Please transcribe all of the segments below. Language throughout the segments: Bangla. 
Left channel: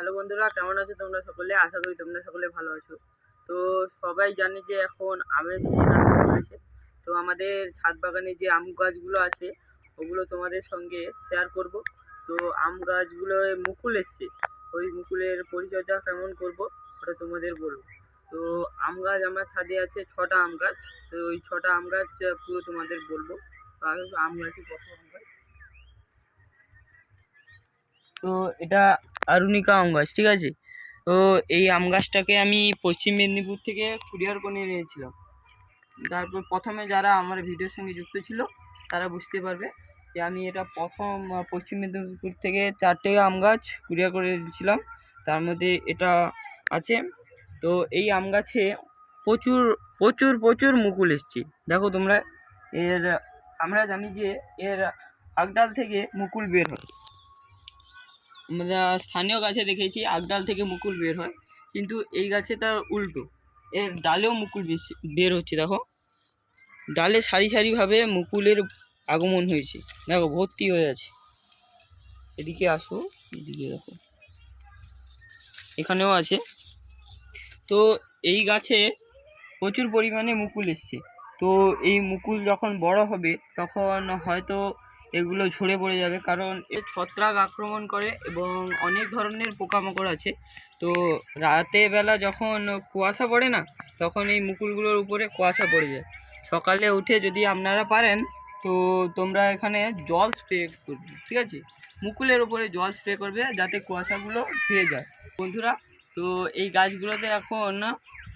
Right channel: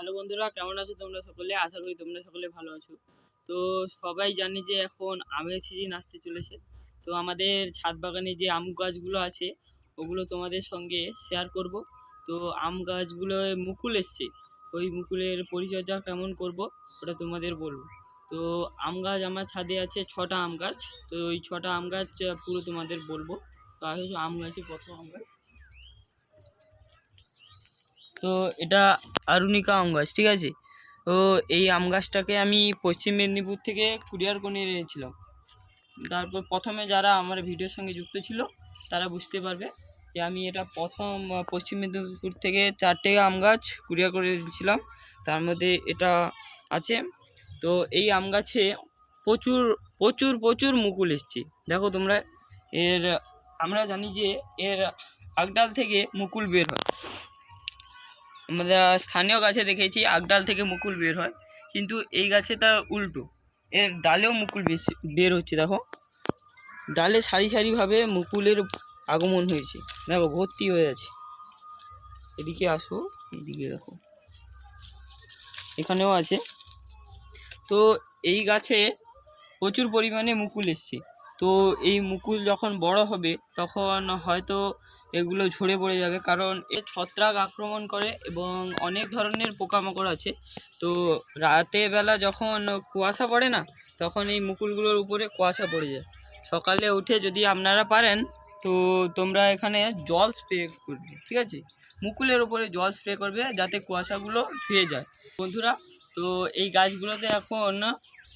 হ্যালো বন্ধুরা, কেমন আছো তোমরা সকলে? আশা করি তোমরা সকলে ভালো আছো। তো সবাই জানি যে এখন আমের সিজন আসতে চলেছে। তো আমাদের ছাদ বাগানে যে আম গাছগুলো আছে ওগুলো তোমাদের সঙ্গে শেয়ার করব। তো আম গাছগুলোয় মুকুল এসছে, ওই মুকুলের পরিচর্যা কেমন করব ওটা তোমাদের বলবো। তো আম গাছ আমার ছাদে আছে 6টা আম গাছ। তো ওই 6টা আম গাছ পুরো তোমাদের বলবো। তো আগে আম গাছই প্রথম আম গাছ। তো এটা আরুনিকা আম গাছ, ঠিক আছে। তো এই আম গাছটাকে আমি পশ্চিম মেদিনীপুর থেকে কুরিয়ার করে নিয়েছিলাম। তারপর প্রথমে যারা আমার ভিডিওর সঙ্গে যুক্ত ছিল তারা বুঝতে পারবে যে আমি এটা প্রথম পশ্চিম মেদিনীপুর থেকে 4টে আম গাছ কুরিয়ার করে দিয়েছিলাম। তার মধ্যে এটা আছে। তো এই আম গাছে প্রচুর প্রচুর প্রচুর মুকুল এসছে, দেখো তোমরা। এর আমরা জানি যে এর আগডাল থেকে মুকুল বের হয়। আমরা স্থানীয় গাছে দেখেছি আগডাল থেকে মুকুল বের হয়, কিন্তু এই গাছে তার উল্টো, এর ডালেও মুকুল বেশি বের হচ্ছে। দেখো ডালে সারি সারিভাবে মুকুলের আগমন হয়েছে, দেখো ভর্তি হয়ে আছে। এদিকে আসো, এদিকে দেখো, এখানেও আছে। তো এই গাছে প্রচুর পরিমাণে মুকুল এসছে। তো এই মুকুল যখন বড় হবে তখন হয়তো এগুলো ঝরে পড়ে যাবে, কারণ এ ছত্রাক আক্রমণ করে এবং অনেক ধরনের পোকামাকড় আছে। তো রাতের বেলা যখন কুয়াশা পড়ে না, তখন এই মুকুলগুলোর উপরে কুয়াশা পড়ে যায়। সকালে উঠে যদি আপনারা পারেন তো তোমরা এখানে জল স্প্রে করবে, ঠিক আছে। মুকুলের উপরে জল স্প্রে করবে যাতে কুয়াশাগুলো ধুয়ে যায় বন্ধুরা। তো এই গাছগুলোতে এখন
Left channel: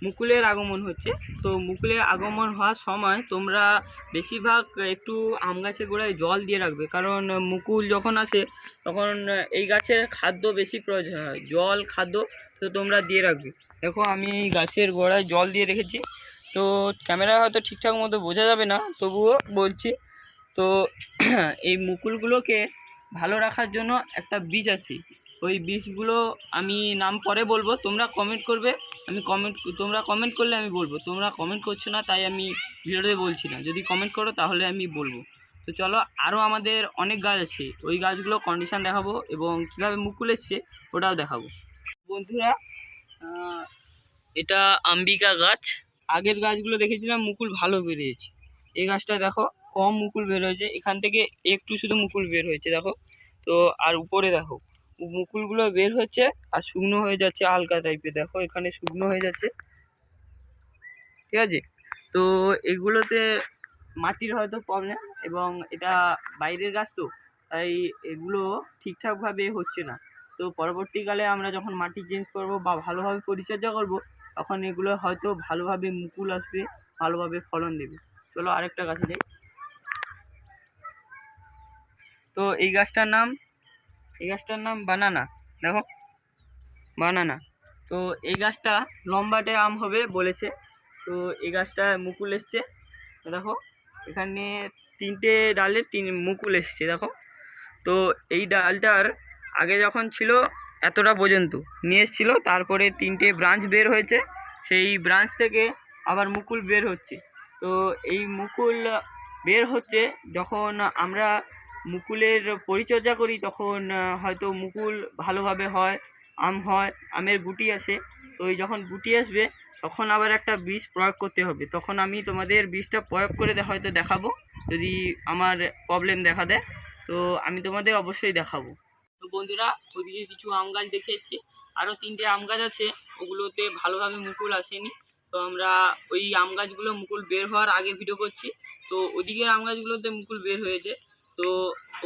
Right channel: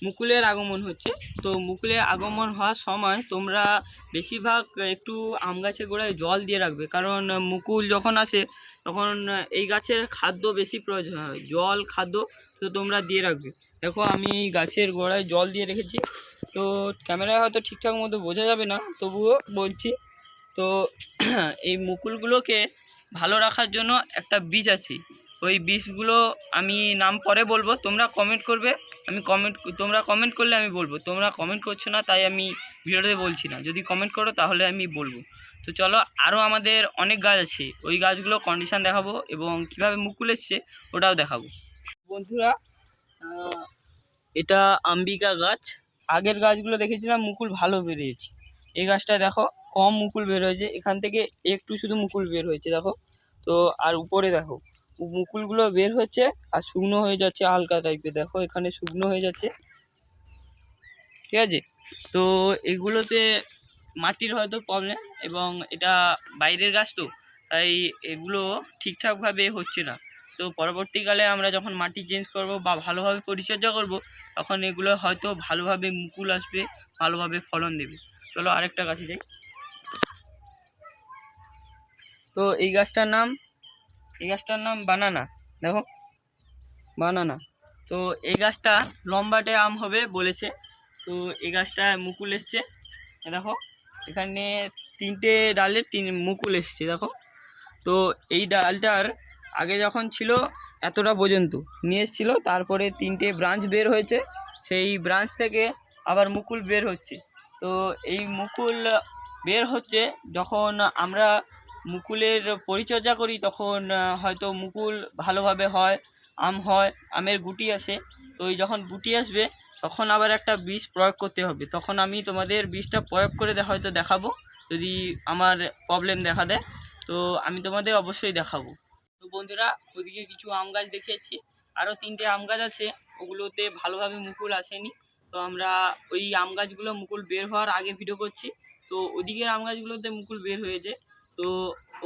মুকুলের আগমন হচ্ছে। তো মুকুলের আগমন হওয়ার সময় তোমরা বেশিরভাগ একটু আম গাছের গোড়ায় জল দিয়ে রাখবে, কারণ মুকুল যখন আসে তখন এই গাছের খাদ্য বেশি প্রয়োজন হয়, জল খাদ্য। তো তোমরা দিয়ে রাখবে। দেখো আমি এই গাছের গোড়ায় জল দিয়ে রেখেছি। তো ক্যামেরা হয়তো ঠিকঠাক মতো বোঝা যাবে না, তবুও বলছি। তো এই মুকুলগুলোকে ভালো রাখার জন্য একটা বীজ আছে, ওই বীজগুলো আমি নাম পরে বলবো, তোমরা কমেন্ট করবে। তোমরা কমেন্ট করলে আমি বলবো। তোমরা কমেন্ট করছো না তাই আমি ভিডিওতে বলছি না, যদি কমেন্ট করো তাহলে আমি বলবো। তো চলো, আরও আমাদের অনেক গাছ আছে, ওই গাছগুলো কন্ডিশন দেখাবো এবং কীভাবে মুকুল এসছে ওটাও দেখাবো বন্ধুরা। এটা আম্বিকা গাছ। আগের গাছগুলো দেখেছিলাম মুকুল ভালো বেরিয়েছে, এই গাছটা দেখো কম মুকুল বের হয়েছে, এখান থেকে একটু শুধু মুকুল বের হয়েছে দেখো। তো আর উপরে দেখো মুকুলগুলো বের হচ্ছে আর শুকনো হয়ে যাচ্ছে হালকা টাইপের, দেখো এখানে শুকনো হয়ে যাচ্ছে, ঠিক আছে। তো এগুলোতে মাটির হয়তো প্রবলেম, এবং এটা বাইরের গাছ তো তাই এগুলো ঠিকঠাকভাবে হচ্ছে না। তো পরবর্তীকালে আমরা যখন মাটি চেঞ্জ করব বা ভালোভাবে পরিচর্যা করব তখন এগুলো হয়তো ভালোভাবে মুকুল আসবে, ভালোভাবে ফলন দেবে। চলো আরেকটা গাছে যাই। তো এই গাছটার নাম বানানা, দেখো বানানা। তো এই গাছটা লম্বাটে আম হবে বলেছে। তো এই গাছটা মুকুল এসছে, দেখো এখানে 3টে ডালে মুকুল এসছে দেখো। তো এই ডালটার আগে যখন ছিল এতটা পর্যন্ত নিয়ে এসেছিল, তারপরে 3টে ব্রাঞ্চ বের হয়েছে, সেই ব্রাঞ্চ থেকে আবার মুকুল বের হচ্ছে। তো এই মুকুল বের হচ্ছে যখন আমরা মুকুলের পরিচর্যা করি তখন হয়তো মুকুল ভালোভাবে হয়, আম হয়, আমের গুটি আসে। তো ওই যখন গুটি আসবে তখন আবার একটা বিষ প্রয়োগ করতে হবে, তখন আমি তোমাদের বিষটা প্রয়োগ করে হয়তো দেখাবো যদি আমার প্রবলেম দেখা দেয়। তো আমি তোমাদের অবশ্যই দেখাবো। তো বন্ধুরা ওইদিকে কিছু আম গাছ দেখিয়েছি, আরও 3টে আম গাছ আছে, ওগুলোতে ভালোভাবে মুকুল আসেনি। তো আমরা ওই আম গাছগুলো মুকুল বের হওয়ার আগে ভিডিও করছি। তো ওদিকের আম গাছগুলোতে মুকুল বের হয়েছে, তো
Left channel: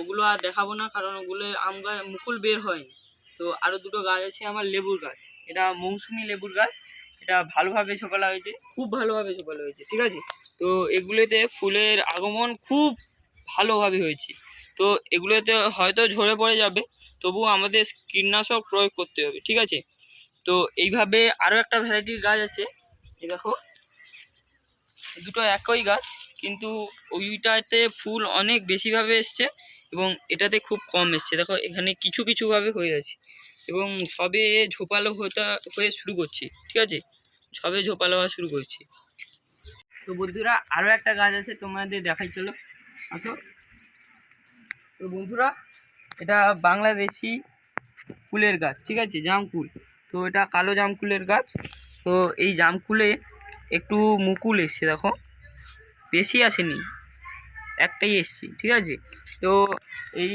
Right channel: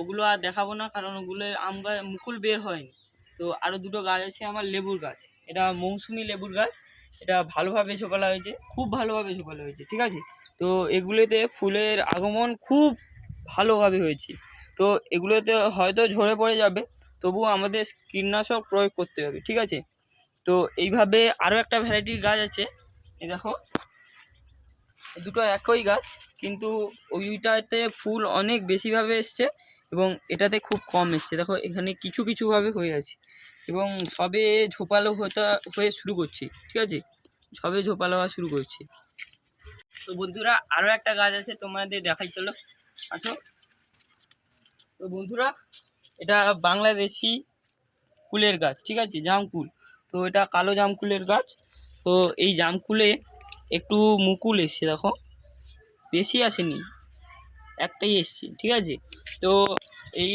ওগুলো আর দেখাবো না, কারণ ওগুলো আম গাছ মুকুল বের হয়নি। তো আরও 2টো গাছ আছে আমার লেবুর গাছ, এটা মৌসুমি লেবুর গাছ, এটা ভালোভাবে ঝোপালা হয়েছে, খুব ভালোভাবে ঝোপালা হয়েছে, ঠিক আছে। তো এগুলোতে ফুলের আগমন খুব ভালোভাবে হয়েছে। তো এগুলোতে হয়তো ঝরে পড়ে যাবে, তবুও আমাদের কীটনাশক প্রয়োগ করতে হবে, ঠিক আছে। তো এইভাবে আরও একটা ভ্যারাইটির গাছ আছে, এই দেখো দুটো একই গাছ, কিন্তু ওইটাতে ফুল অনেক বেশিভাবে এসছে এবং এটাতে খুব কম এসছে। দেখো এখানে কিছু কিছুভাবে হয়ে আছে এবং সবে ঝোপালো হয়ে শুরু করছে, ঠিক আছে, সবে ঝোপালো হওয়া শুরু করছে। তো বন্ধুরা আরও একটা গাছ আছে, তোমাদের দেখাই, চলো আসো। তো বন্ধুরা এটা বাংলাদেশি কুলের গাছ, ঠিক আছে, জামকুল। তো এটা কালো জামকুলের গাছ। তো এই জামকুলে একটু মুকুল এসছে, দেখো, বেশি আসেনি, একটাই এসছে, ঠিক আছে। তো এই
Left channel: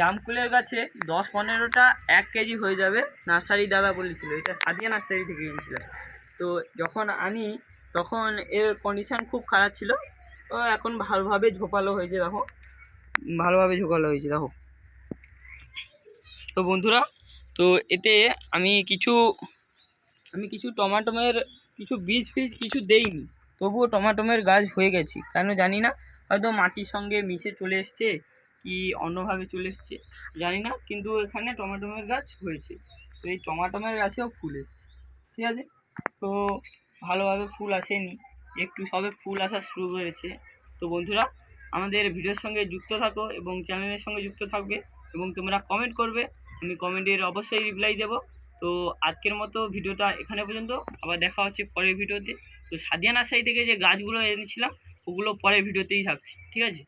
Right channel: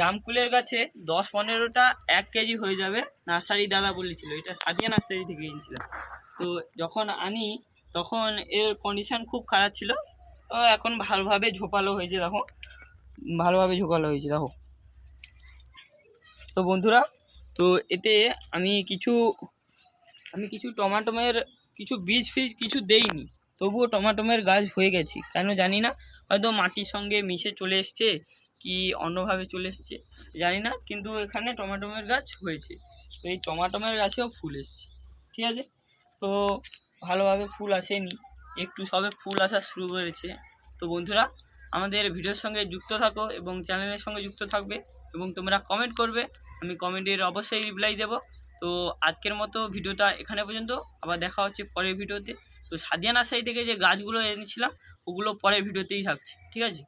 জামকুলের গাছে 10-15টা 1 কেজি হয়ে যাবে। নার্সারি দাদা বলেছিল, এটা সাদিয়া নার্সারি থেকে কিনেছিলাম। তো যখন আনি তখন এর কন্ডিশান খুব খারাপ ছিল। তো এখন ভালোভাবে ঝোপালো হয়েছে, দেখো, ভালোভাবে ঝোপালো হয়েছে, দেখো। তো বন্ধুরা, তো এতে আমি কিছু টমাটোমের কিছু বীজ ফিজ কিছু দেইনি, তবুও টমাটোমের গাছ হয়ে গেছে, কেন জানি না, হয়তো মাটির সঙ্গে মিশে চলে এসছে কি অন্যভাবে চলে এসছে জানি না, কিন্তু এখানে টমাটোমের গাছ হয়েছে। তো এই টমাটোমের গাছেও ফুল এসছে, ঠিক আছে। তো ভালোভাবে ফুল আসেনি, একটু সবে ফুল আসা শুরু করেছে। তো বন্ধুরা, আমাদের ভিডিওর সঙ্গে যুক্ত থাকো এবং চ্যানেলের সঙ্গে যুক্ত থাকবে এবং তোমরা কমেন্ট করবে, আমি কমেন্টের অবশ্যই রিপ্লাই দেবো। তো আজকের মতো ভিডিওটা এখানে পর্যন্ত, আবার দেখা হচ্ছে পরের ভিডিওতে। তো সাদিয়া নার্সারি থেকে যে গাছগুলো এনেছিলাম ওগুলো পরের ভিডিওতেই থাকছে, ঠিক আছে।